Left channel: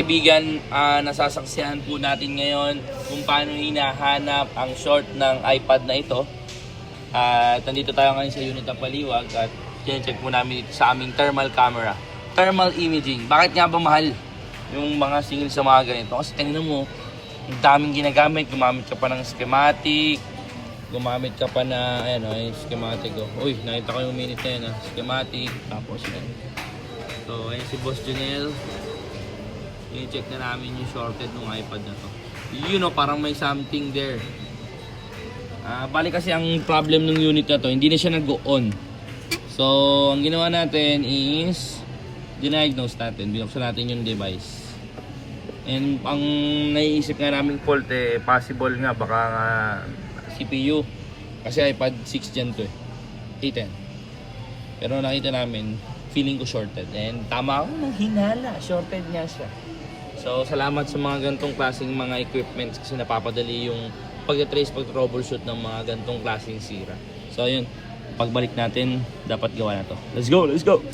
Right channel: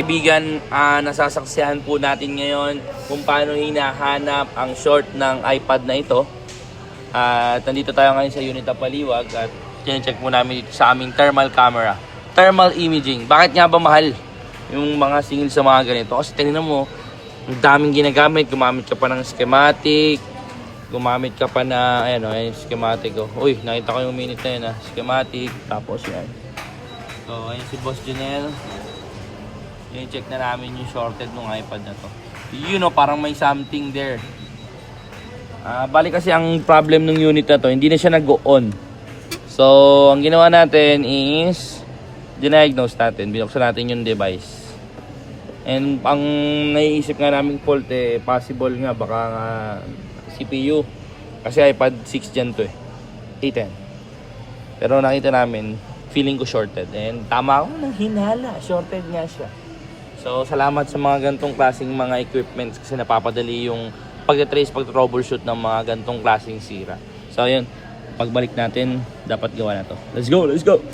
Kaibigan, nasasaksihan po natin ngayon kung paano hinahanap ang short ng iPad na ito. At nandito tayo ngayon sa Unita Paliwag at check po namin dito sa aming thermal camera. Thermal imaging. Bakit nga ba mahal yung mga singil sa mga ganito? Kasi tingnan mo, ang daming ginagamit. Gumamit ka pa ng schematic. Gumamit ka pa na, ayan o, yung schematic o. Uy, nakita ko yung minute na yun ha. Schematic, tapos yan. So, ayun si Boss Junel. I-check na namin yung shorted ng iPad na to. You know, parang may something there. Bali kasi ang problem ng unit na to, hindi na siya nag-on. So, ang ginawa natin is diniagnose natin, binuksan natin yung device. And ang naiisip nga namin fault possible nga baka CPU. Kasi iPad 6 Gen to A10. Pero nakita namin, feeling ko shorted. And tama ako ng hinala, shorted nga siya. So, salamat sa mga gantong klaseng mga equipments kasi napapadali yung pag-trace, pag-troubleshoot ng mga gantong klaseng sira. So, yun. Pagbalik natin, dapat gawa na to. Let's go! Let's go!